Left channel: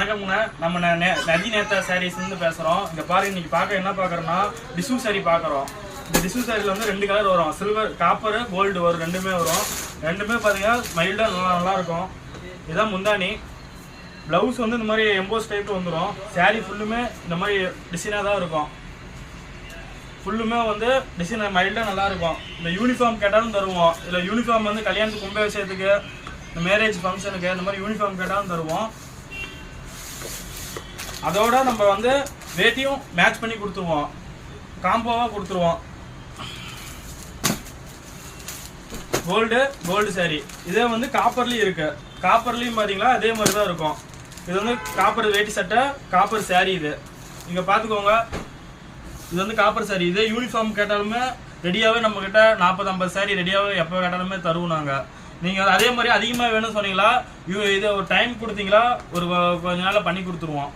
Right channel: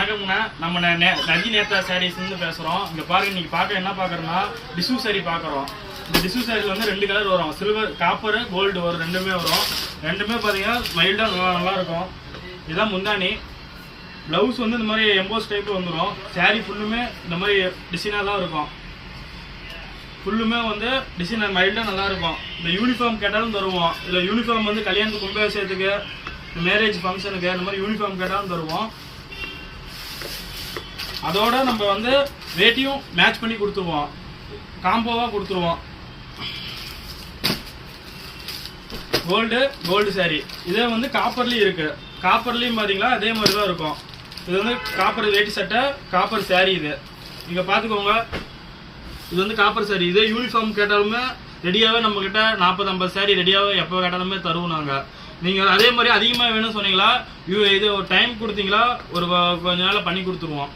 வணக்கம்ண்ணா, நம்ம நஜி நேத்தா சாரீஸ்லேருந்து பேசுகிறோம். இங்கே பாருங்க, இன்னைக்கு பார்க்க என்ன பார்க்குறோன்னா டிஷ்யூ சாரி பார்க்குறோம். இந்த டிஷ்யூ சாரீஸில் வந்து 2 கலர் வரும், சில்வர், காப்பர், கோல்டு வரும், ரெண்டுமே வரும். ரெண்டுமே பார்த்தீங்கன்னா மைல்டாக நல்லாயிருக்கும். இதுதான் முந்தானி. ப்ளவுஸ் வந்து இந்த மாதிரி எம்போஸ் டைப்பில் வந்துடும். சாரீ ஃபுல்லுமே இந்த மாதிரி டிசைனாக தான் இருக்கும். ஃபுல்லுமே வந்து டிசைன் மைல்டாக நல்லாயிருக்கும். இந்த யூனிஃபார்ம் கேட்டாலும் தருவோம். இதில் யூனிஃபார்ம் வந்து கல்யாணத்துக்கு கும்ப விஷயத்துக்கு, மேரேஜ் ஃபங்க்ஷனுக்கு இந்த மாதிரி யூனிஃபார்ம் கேட்டாலும் தருவோம். அதோட நம்ம வந்து ரேட்டையும் மேட்ச் பண்ணி கொடுத்துருவோம், காம்போவாக கொடுத்துருவோம். Gold sorry. இதே வந்து காப்பர்லேயும் இருக்குது. காப்பர்லேயும் பார்த்தீங்களா அதே மாதிரி தான் இருக்கும். இது வந்து காப்பர் வேட்டி சட்டை, காப்பர் சாரி. இது நீங்கள் பார்த்துக்கோங்க. இது வந்து காப்பர் சாரி. இதே யூனிஃபார்ம் கேட்டாலுமே ரெடியாகவே நம்மக்கிட்ட 40-50 சாரி ரெடியாகவே எப்போ கேட்டாலுமே தருவோம் நாங்கள். நீங்கள் அதே மாதிரி அதிகமாக வேணும்னு சொன்னீங்களா, இது ஒரு டைம் கொடுத்தீங்களா, ஒரு கொஞ்ச நாளில் பண்ணி கொடுத்துருவோம்.